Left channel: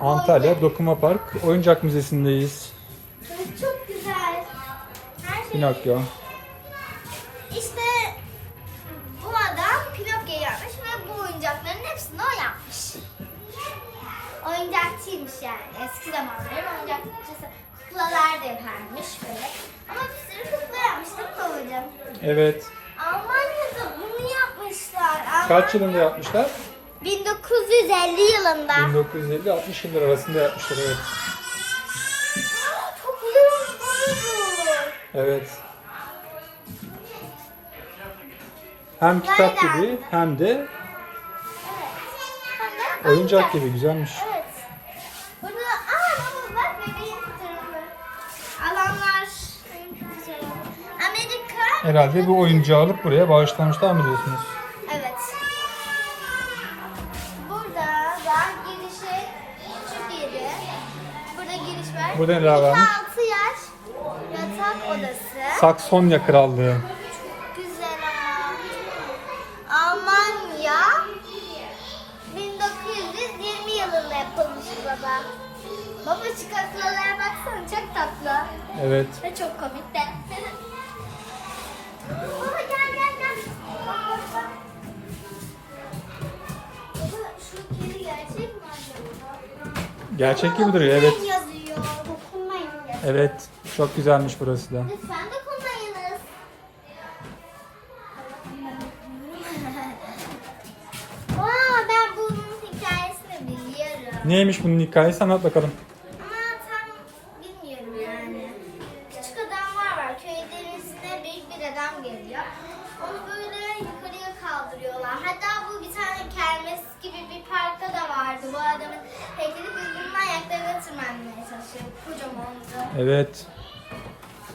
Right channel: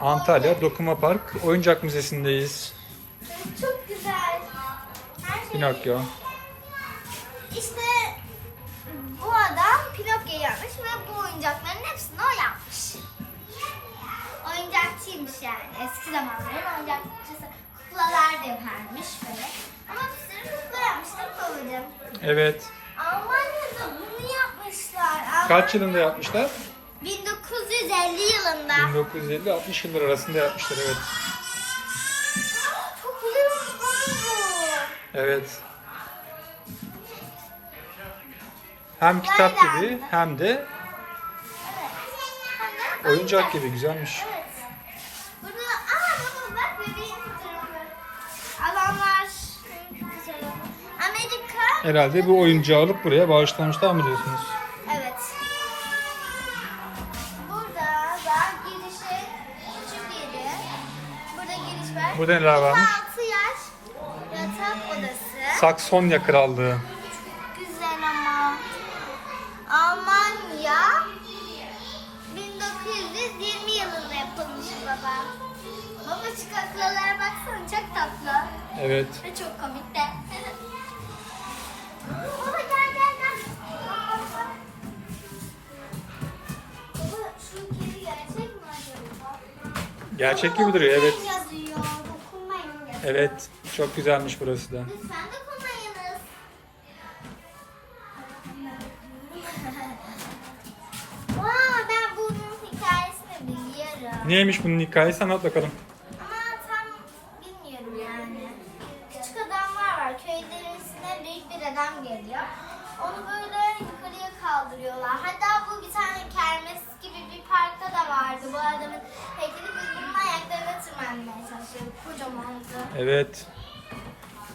Antalya Dokuma Park Oyuncak Müzesi'ndeyiz. Çok güzel. Her şey. Pinokyo. İşte bu adam Pinokyo yapmış ve bu oyuncakların hepsini o yapmış. Oyuncakçıymış yani. Eski zamanların oyuncakçısı. Kuklalar da yaparmış böyle. Ama bir sürü kukla yapmış değil mi babacığım? Evet. Almanya'da bunu yapmışlar. Kaç yılında yapmışlar? 1950 yılında. 1950-60 yıllar arasında yapmışlar evet. Çok. Evet. Hem kitap gibi hem de oyuncak gibi güzelmiş. Evet. Burada aa baba bak bebeğin fotoğrafı. Alanlar. Amerika. Herhalde bu oyuncağı alıp buraya bağışlamışlar mı diyorsunuz? Var. Burada neler varmış? 6 yaş yatak odası. Saksonya Krallığı. Güzel ama. Almanya 1920 yılında yapılmış baba. Baba şu kaklalara baksana çok tatlı. Evet. Ve çok komik de. baba gel gel gel. Baba, Baba şu kedi gerçek mi acaba? Gerçek gibi duruyor evet. Dokunmayın yazıyor. Dokunmayın yazıyor. Evet. Çok güzelmiş burası da. Lütfen dokunmayınız. Aa, ben bunun hikayesini biliyorum. Neymiş bunun hikayesi anlat bakalım.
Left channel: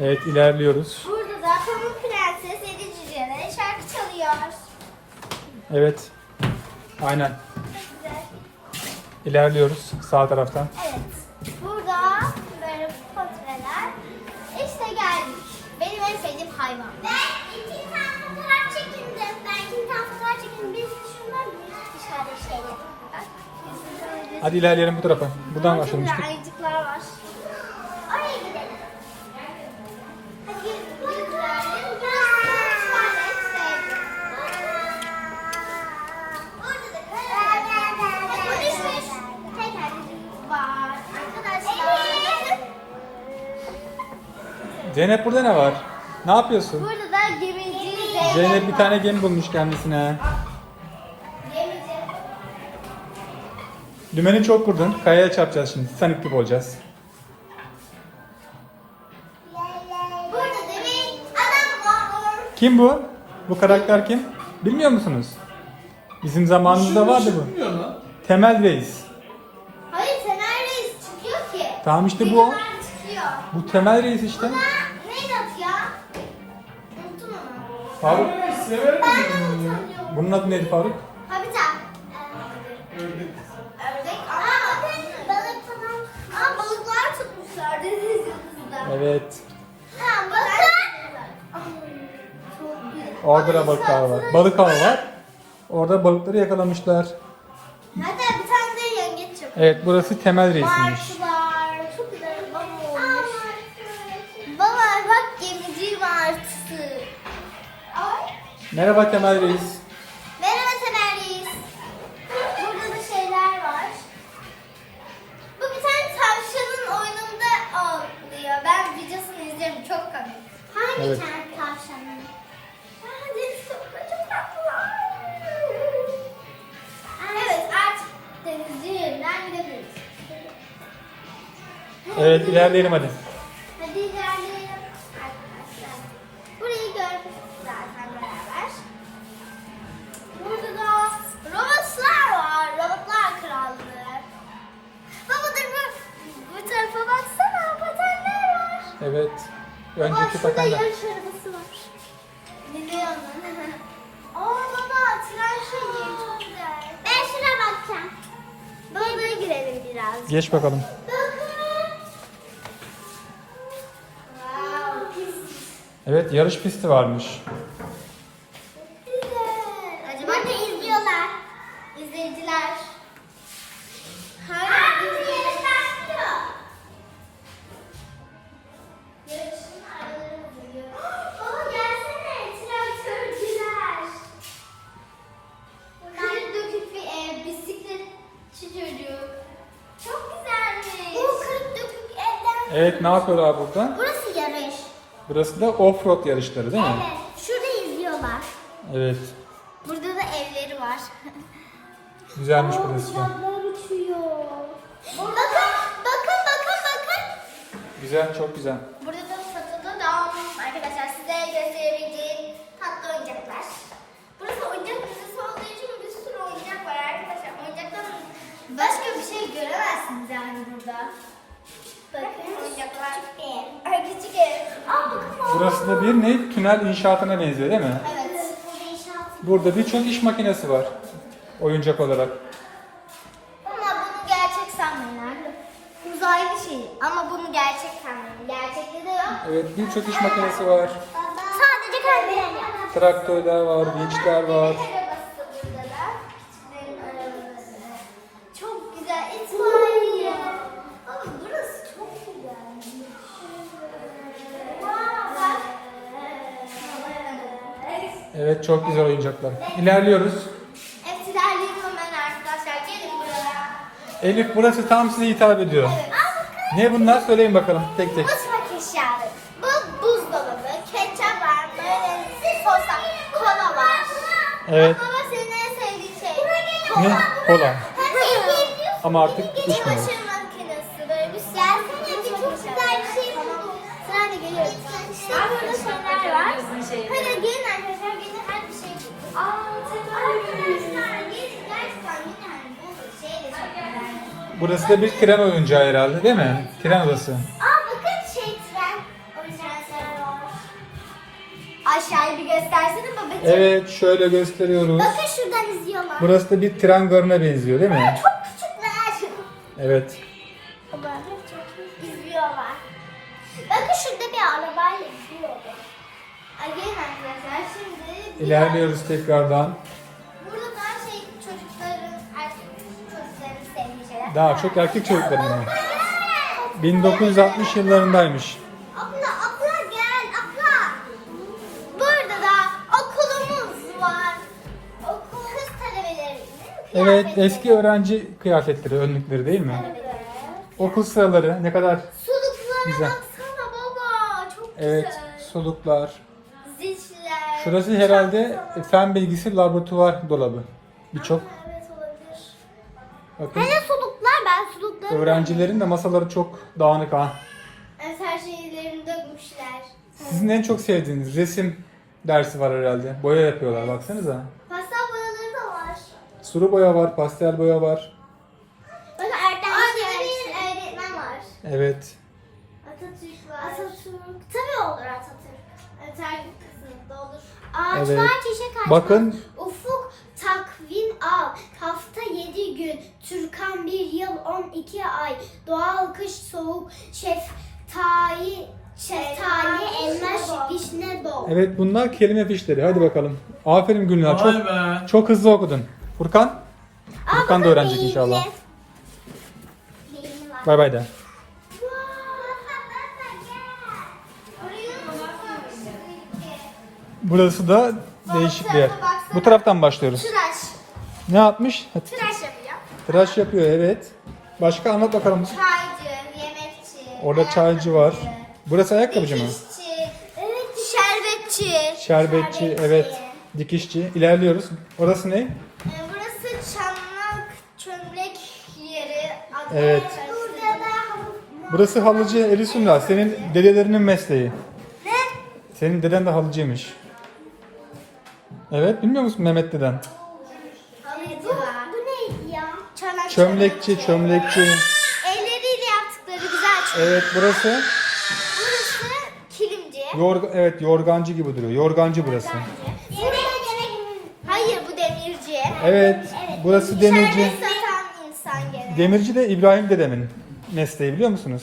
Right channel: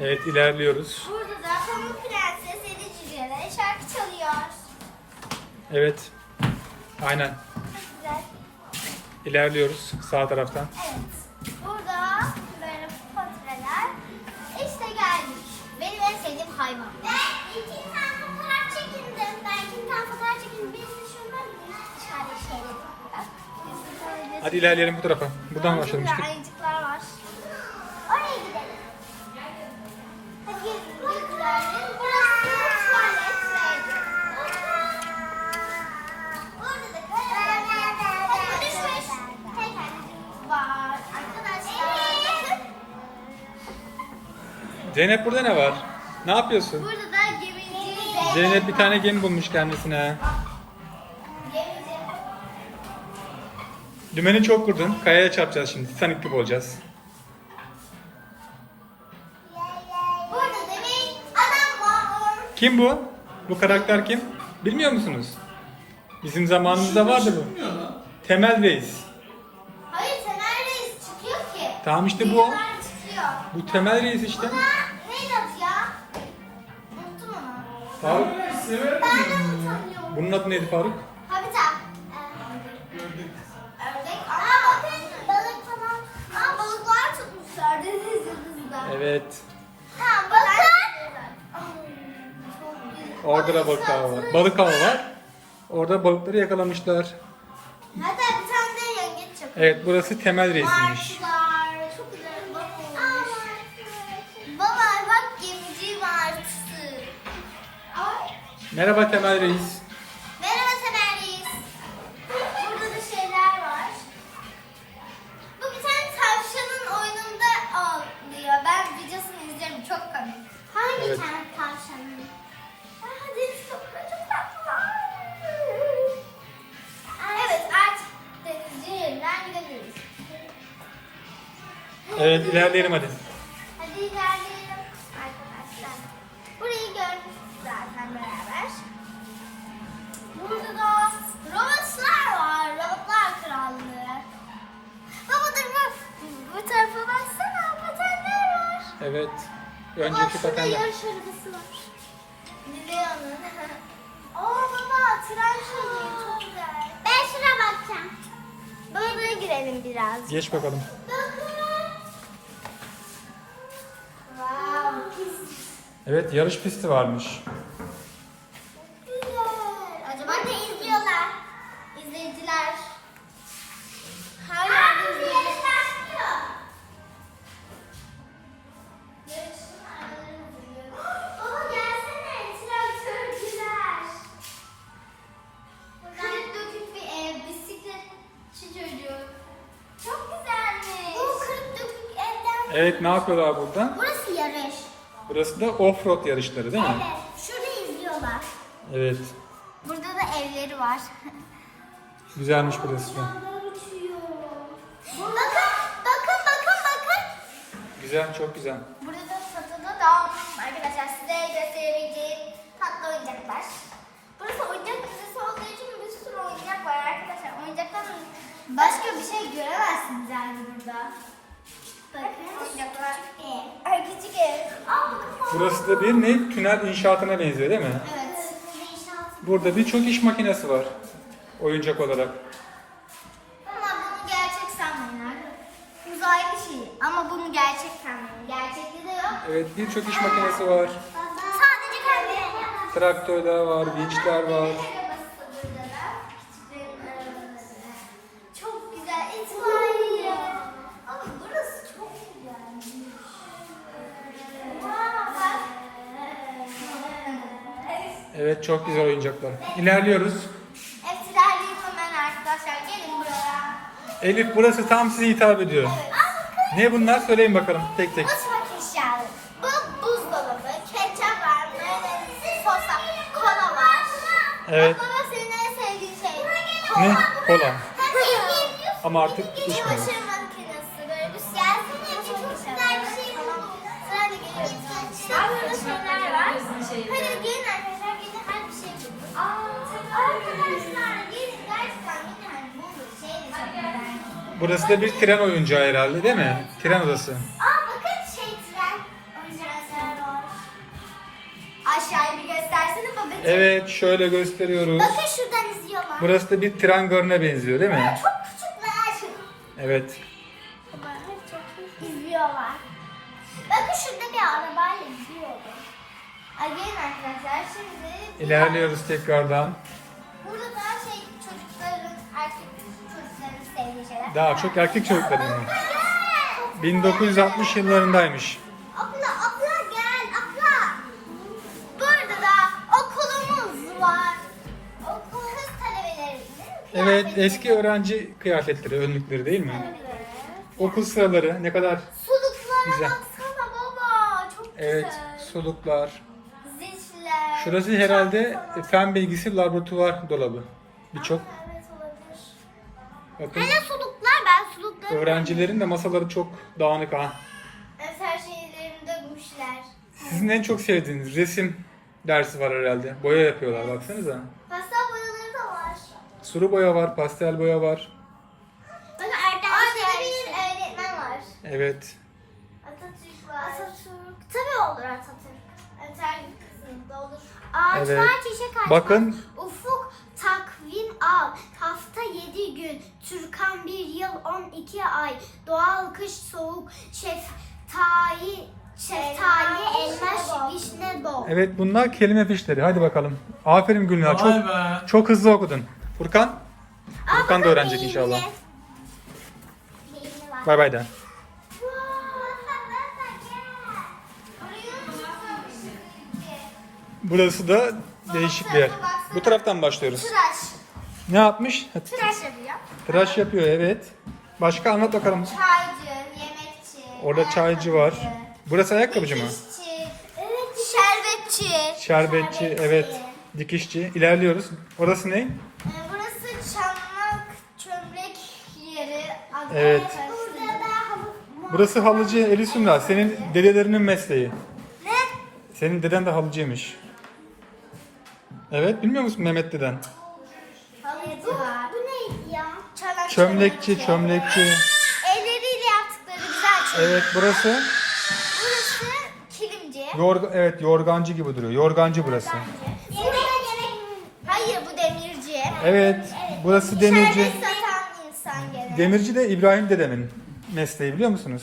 Evet ilerliyoruz. Burada da Pamuk Prenses Yedi Cüce'de şarkı çalıyor. Evet. Aynen. Çok güzel. İlerliyoruz sağ taraftan. Evet. Burada böyle portreler. İşte geldik. Benim en sevdiğim hayvan. Ben iki tane fotoğraf çekindim. Ben iki tane fotoğraf çekindim. Birisi şundan birisi dışarıda şeyle. Bak. Hadi ilerleyelim bu tarafa. Buradan Burada başlamıştık. Ayıcıklar var. Oraya gidelim. Hadi gelin. Güzel. Burası Orada da Bak bu düşmüş. Tekerleğimiz var. Arkadaşlar. Zeynep burada ne var? Ne yapıyorsun? Burada da gemici. Zeynep bir tane gemi bulmuş kendisine. Dümeni çok kurdun. Kayaya çarpacağız şimdi. Titanic gibi olacağız. Burada da bir adam var. Kim bu? Bu karakter kim? Bilmiyor musunuz? Bizim zamanımızda vardı bu. Temel Reis. Hayır Temel Reis çıkıyor ki. Tamam işte bu o. Bunlar çıkıyor. Bu Temel Reis işte. Buna Faruk. De unutamıyorum. Bunun adı neydi Faruk? Habitat. Ördek. Ama bakın balık falan. Aa balıklar tutmuşlar deniz yıldızında. Evet. Ha güzel. Orada da balıklar var. Balık avı var. Orada balıkları yakalamışlar. Hatta bir tane de yengeç. Evet burası Temel Reis'iymiş. Merhaba Temel Reis. Merhaba Semerliyiz. Burada da şeyler var. Bu bir tane tavşanın oyununda oluyor. Ben videosunu izlerim. Çok komik. Hangi Evet. tane tavşanın? Aa, deniz çok, çok tatlı. Evet artık denizci yerinden gidebiliriz. Evet ilerleyelim. Hadi Önceki şurada patenler. yarış arabası var. Milyonun. Oo baba tren şeyi çok güzel. Ben şuna bakacağım. Böyle girelim biraz. Geç bakalım. Evet yarış pisti varmış. Çocuk. Çok güzelmiş. Bu kırık dökük evden. Evet ne yapıyorlar burada? Burası yarış. Burası da offroad yarışları değil mi? Evet. Şurada izliyorlar. Evet. Burada da evleri var. Güzelmiş burası da. Uçuyor. Bakın, bakın, bakın, bakın. Güzel, çok güzel. Başka bir şey göremezsiniz yani burada. Bakın oyuncaklar. Ay küçük ev. Aa bakın. Burası da bir ne? Tünel inşaatına benziyor değil mi? Evet. Burada birçok iş makinesi var. Oyuncak olarak. Ama bunu gerçek sanmayın. Uzaylı şey. Ama bunu gerçek sanmayın. Gerçekte de yok. Evet birçok iş makinesi var. Sadece kalbiyle. Traktörler var, vinçler var. Evet çok güzel oyuncaklar. İlerliyoruz. Evet, hemen arkadaşlar. Gelin buraya. Elif burası tam size hitap ediyor. Evet. Ne bunlar söyleyin bakalım tek tek. Mutfak eşyaları. Bu buzdolabı, ketçap var, böyle sosa, kola var. Evet. Bak baba senin en sevdiğin şey. Ne? Kola. Ama artık bir şey. Çok güzel bir şey buldum. Sırayla geliyorum. İşte burada şeyler var. Burası da bir tren oyuncağı herhalde değil mi? Tren odası. Aa bakın şey tren oyuncakları var. Aşağıya bir göstersene babacığım. Evet şöyle gösteriyoruz. Bakın şuradan izliyorlar. Burası da bir tren garına benziyor değil mi? Çok küçükler. Evet. İzliyorlar. Bakın şurada bir. Ay gelin arkadaşlar şimdi bir- İlerliyoruz tekrardan. Burada daha şey çocukların erkek çocukların sevdiği şeyler. Daha çok erkek çocukların mı? 1960 yıllarındaymış. Abla abla gel abla. Burada da okulumuz var. Okul kız talebeleri. Evet eski öğrenci kıyafetleri, önlükleri değil mi? Okul sıraları ne kadar Suluklara Güzel. baksana baba. Çok evet güzel. soluklar. Zişler. Şurası herhalde fen bilgisi laboratuvar dolabı. Birçok bakın Hele suluklar ben sulukları. öğrencilerin de masaları çok dağınık ha. Her şeylerini dökmüşler. Sizin en çok sevdiğiniz resim dersi var herhalde. Boya yapıyorlar baksanıza. Masa boyaları da var. Sulu boya var, pastel boya var. Bakın Erdem bir öğretmen var. Evet. Olur. Evet. Ağaçlar çiçek açmaz. Bakın. Ufuk takvim al. Hafta 7 gün. Türkan bir yıl 12 ay. Doğal kış soğuk. Şeftali, şeftali, elma, vişne bol. Evet bunlar kelime fişleri. Hadi bakalım. Aferin Gülnar. Çok be. çok hızlı okudun. Furkan? Furkan da öğrenecek inşallah. Bay bay de. Burası da değişik bir yer. Bu taraftan başlıyoruz. Tıraş. Ne yapmış? Tıraş yapıyor. Tıraş yapıyor evet. Başka anlat bakalım. Çaycı, yemekçi. Orada çaycı var. Burası ayakkabıcı mı? dikişçi, Evet. Şerbetçi. Şerbetçi, evet. Dikişçi. İlerliyoruz. Orası ne? Ee, Burası çanak çömlek yeri. Adı Evet. Burada da Burası halıcı Elisunda. Senin dedelerinin mesleği. ne? Senin deden de halıcıymış. Evet, bilmiyor musun Mehmet deden? Halıcı var. Bu neydi ya? Çanak Çömlekçi, çömlekçi. Elleriyle yaptıkları güzel çömlek. Evet, burası Burası kilimci. yorg evet yorgancı gibi duruyor. Yorgancı burası. Yemek yemek. Hayır bu demirci. Evet, burası demirci. Satan insan. Demirci de İbrahim dedemin mesleği biliyor musunuz?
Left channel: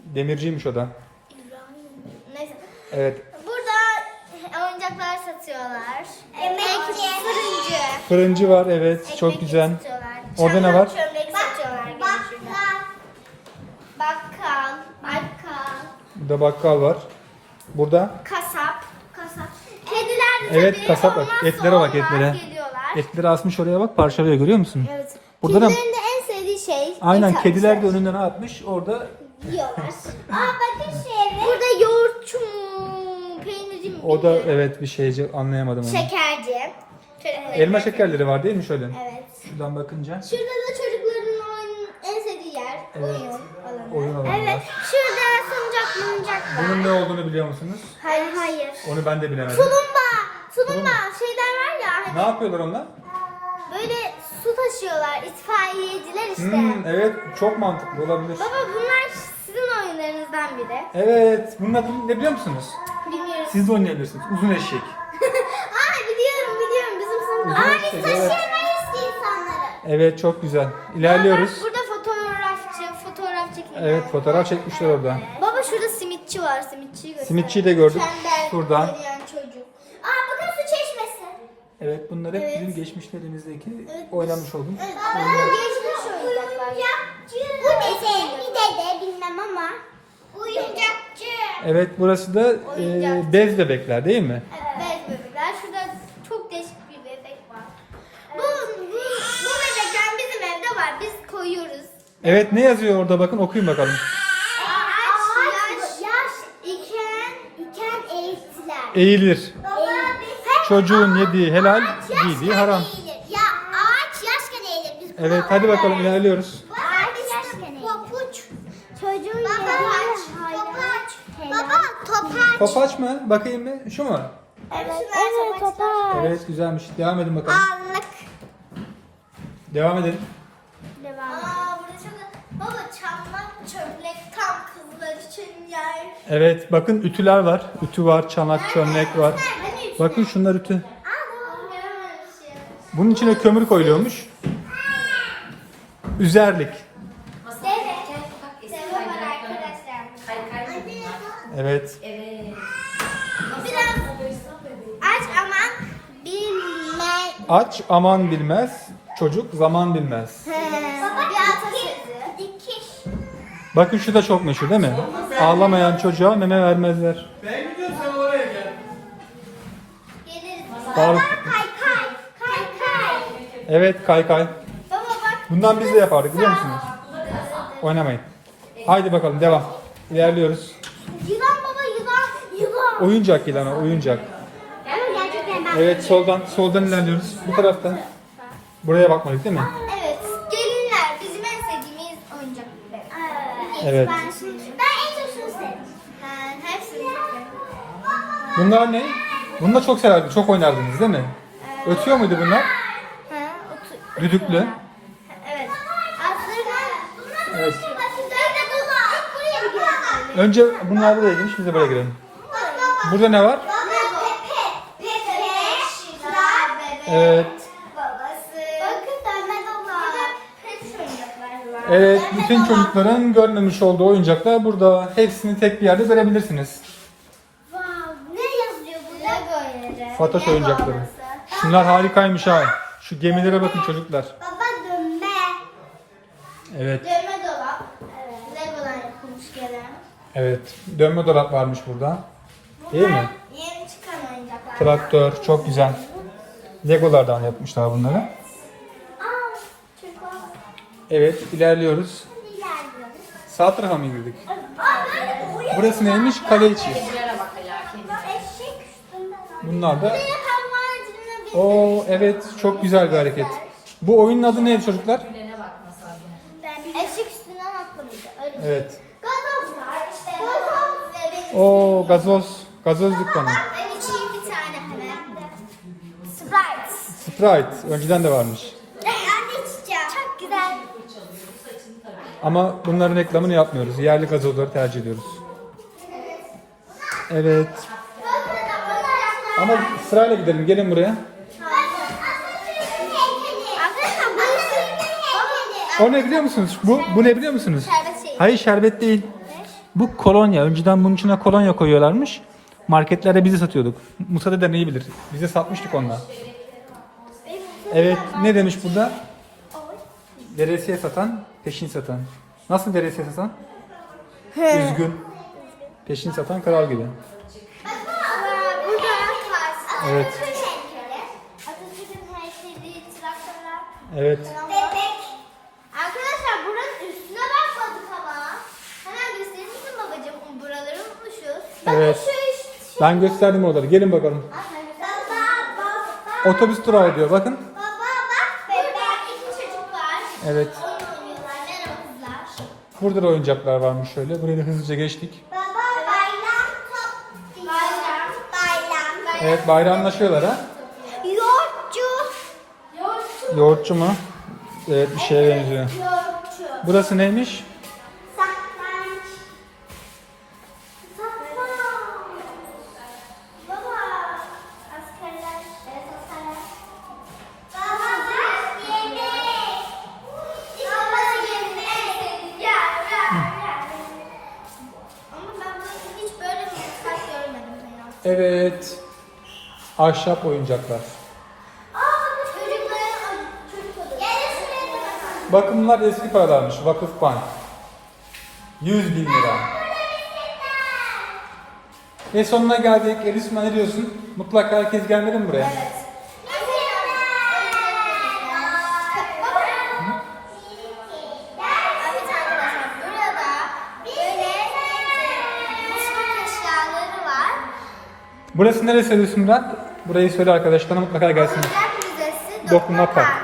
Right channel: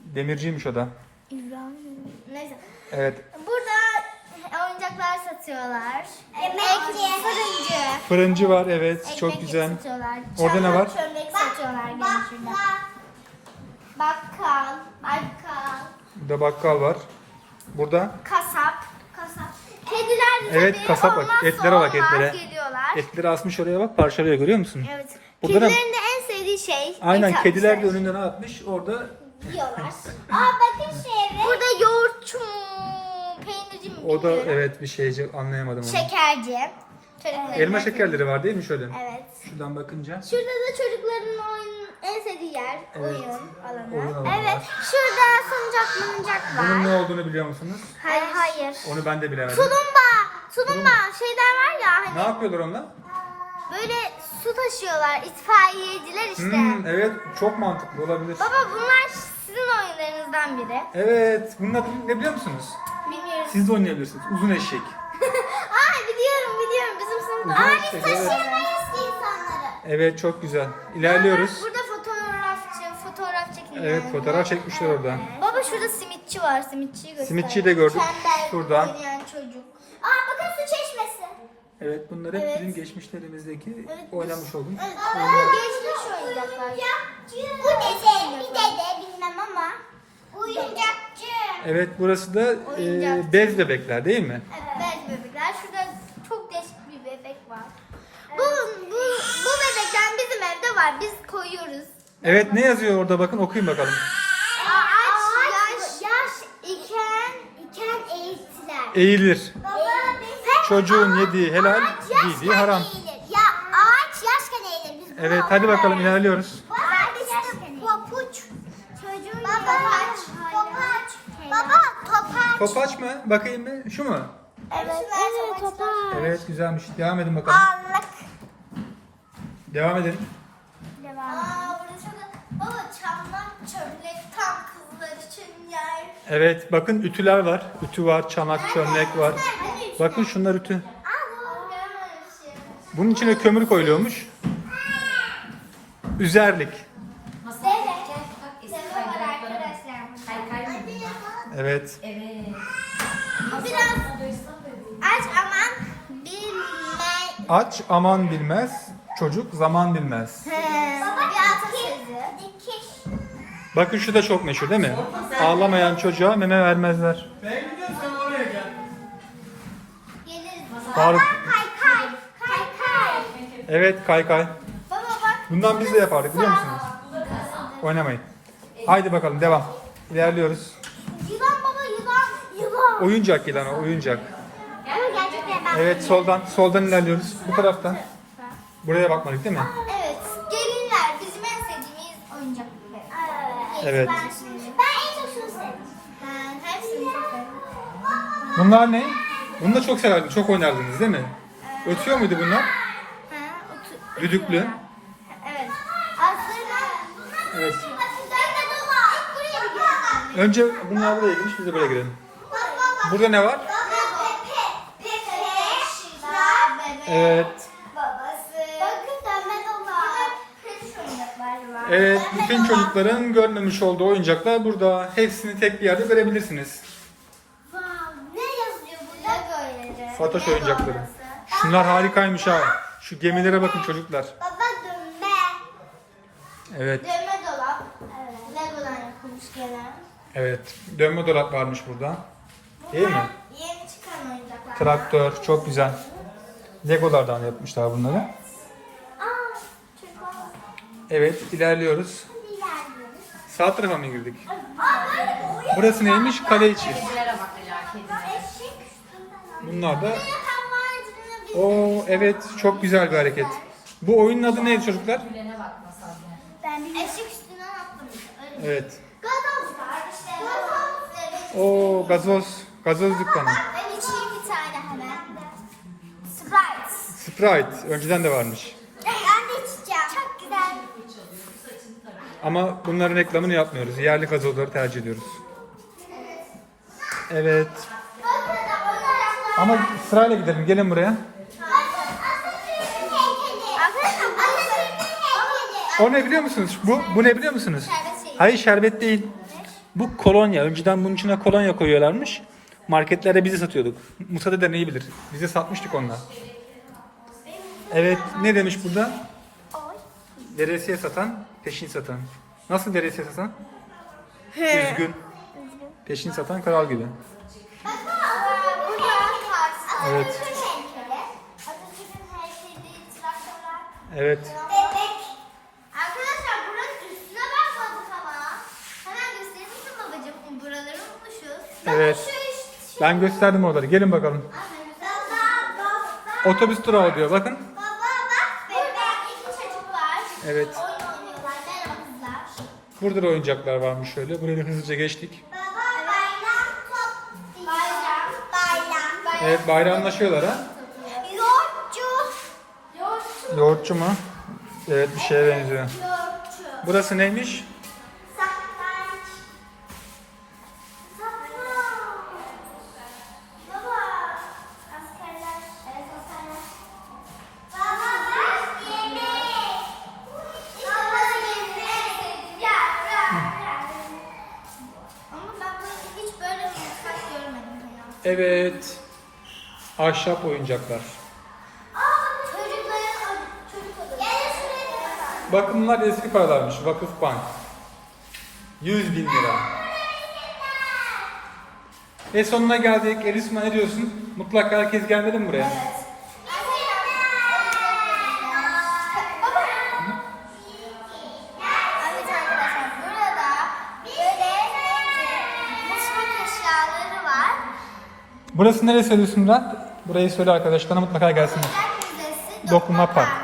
Demirciymiş o da. Neyse. Evet, Burada oyuncaklar satıyorlar. Emekçi. Fırıncı. var evet, çok güzel. satıyorlar. Orada ne var? Çömlek satıyorlar. şurada. Bakkal. Bakkal. Burada bakkal var. Burada Kasap. Kasap. Kediler de Evet, kasap bak. olmazsa Etlere bak, olmaz etlere. Geliyorlar. etleri asmış oraya bak parçalıyor görüyor musun? Evet. Burada da- Kedilerin de en istediği şey. Aynen kediler de önünden atmış. Orada Yiyorlar. Aa bakın şeye. Burada yoğurtçu mu? Peynirci mi? o da evet bir şeyci anlayamadım onu. Şekerci. Çocukların Elma şekerleri var değil mi şöyle? Evet. Şuradan bakınca. Şurada da çocukların oyun, en sevdiği yer. Evet. Oyun alanı. Oyun alanı evet. var. Şurada salıncak malıncak var. Bunun ne olduğunu biliyor musunuz? Hayır hayır. Onu ben de bilemedim. Tulumba. Tulumba. Şeyler var ya Ne hani yapıyorlar onlar? böyle su taşıyorlar. itfaiyeciler işte. Hmm, evet çok mantıklı olabilir. Baba bunlar sizin oyunlarınızdan biri. Evet bunun adını ne biliyor musunuz? Bilmiyoruz. Siz de oynayabilirsiniz. Uzun eşek. Aa biliyorum biliyorum Aa taşıyabiliriz ki insanları. Evet çok güzel. İlerliyoruz. Burada fotoğrafçı, fotoğraf çekiyor. Evet fotoğraf çekmişler orada. Baba şurada simitçi var, simitçiyi göster. Simitçiyi de gördük. Tembel oynayan çocuk. Aa bakın su çeşmesi. Evet bunlar hep Evet. bizim geçmişlerimizdeki Evet. oynamış olduğumuz Evet, oyunlar. bu geçmiş oyuncakçı. Bu dede, bir dede bilmem ama. Oyuncakçı. Evet burası da e, bez bebekler değil mi? Evet bebekler. Şurada çok değişik bir bebek var. Bu, bu, bu bebekten bizim evde var. Biz koyuyoruz. Evet ne yazıyor orada bakın okuyun bakalım. Ağaç, yaş, yaş iken, iken eğitiler. Eğilir. Baba, Çocuğun yediği helal, giydiği haram. Ya ağaç yaşken eğilir. Biz Evet hadi bakalım ilerliyoruz. Yaşken eğilir. Papuç. Çocuğun Baba topaç. Baba topaç. Topaç mı? Bakayım bir. Şu mu? Evet, evet topaç. Evet güzelmiş. Devam edin bakalım. Anlık. Devam edin. Evet bakın ütüler var. Ütü var, çanak, çömlek var. Bakın şunlar ütü. Bunun içine kömür koyuluyormuş. Üzerlik. Evet. Aç aman bilme. Aç aman bilmez, çocuk zaman bilmez. Bakın şu da çok meşhur değil mi? Ağlamayan çocuğa meme vermezler. Geliriz. Faruk. Evet kaykay. Baba bak. Bundan biz de yapardık biliyor musunuz? Oynamayın. Haydi bakalım devam. İlerliyoruz. Yılan baba yılan. Yılan. Oyuncak yılan o, oyuncak. Ama gerçekten ben- Evet soldan soldan ilerliyoruz. Bu taraftan. Buraya bakmadık değil mi? Evet. Gelinler bizim en sevdiğimiz oyuncaklar. Evet. Ben en çok şunu sevdim. Ben hepsini sevdim. Bunlar ne? Bunu da çok severdiniz, çok oynardınız değil mi? Ötüyor muydu bunlar? Düdüklü. Evet. Önce bunlar girmiş, biz de buraya girelim. Burada ne var? Evet. Evet, bütün çocukların görmemiş olduğu oyuncaklar burada. Hepsini tek bir yerde görebilirsiniz. Wow, ne yazıyor burada? Böyle. Fatoş oyuncakları. Şunlar harikaymış ha. Şu gemilere bakın çocuklar. Baba dönme. Evet, Dönme dolap. Evet. Lego'dan yapılmış gene. evet. Dönme dolap varmış burada. Değil mi? Yeni çıkan oyuncaklar. Traktör, çok güzel. Legolardan yapmışlar bunları. Evet, ilerliyoruz. Sağ tarafa mı girdik? Burası neymiş? Kale içi. Bunlar da... Oo evet, çok güzel bir hareket. Bu oyunun adı neydi çocuklar? Eşek üstüne atlamış. Öyle. Evet. Oo gazoz, gazoz dükkanı. Ben içeyim bir tane hemen. Sprite. Sprite, önceden de varmış. Ben içeceğim. Çok güzel. Ama bunların reklamını yapmıyoruz. Yerli gazozları tercih ediyoruz. Evet. Ama sırayla gidelim. Gelin buraya. O ne biliyor musunuz? Bu bu ne biliyor musunuz? Hayır şerbet değil. Bu kolonya. Önceden bunun içine kolonya koyuyorlarmış. Marketlerde bizi satıyorduk. Musa deden iyi bilir. Bize satmıştık onunla. Evet ne demiş burada? Veresiye satan, peşin satan. Nasıl veresiye satan? Üzgün. Peşin satan kral gibi. Evet. Evet. Arkadaşlar buranın üstüne bakmadık ama. Hemen gösterir misin babacığım? Buraları unutmuşuz. Evet. Şu. Ben gösterdim oraları. Gelin bakalım. Baba, baba. Otobüs durağı diyor. Bakın. Baba bak bebek. iki çocuk var. Evet. Burada da oyuncaklar varmış şöyle. Buraya hızlıca geçtik. Evet bayramlaşıyorlar ha. Yoğurtçu. Yoğurtçu. Yoğurtçu mu? Evet bir şeye benziyor. Yoğurtçu. Burası neymiş? Ahşap oyuncaklar. Bakın bunlar eski paralarmış. Vakıf Bank. 100 bin lira. Ve sonuna geldik. Elisma ne diyorsun? Mutlaka herkes gelmedi mi buraya? Evet. Burası neresi Murat? Burayı söyle arkadaşlarına mutlaka gelsinler. Dokuma Park.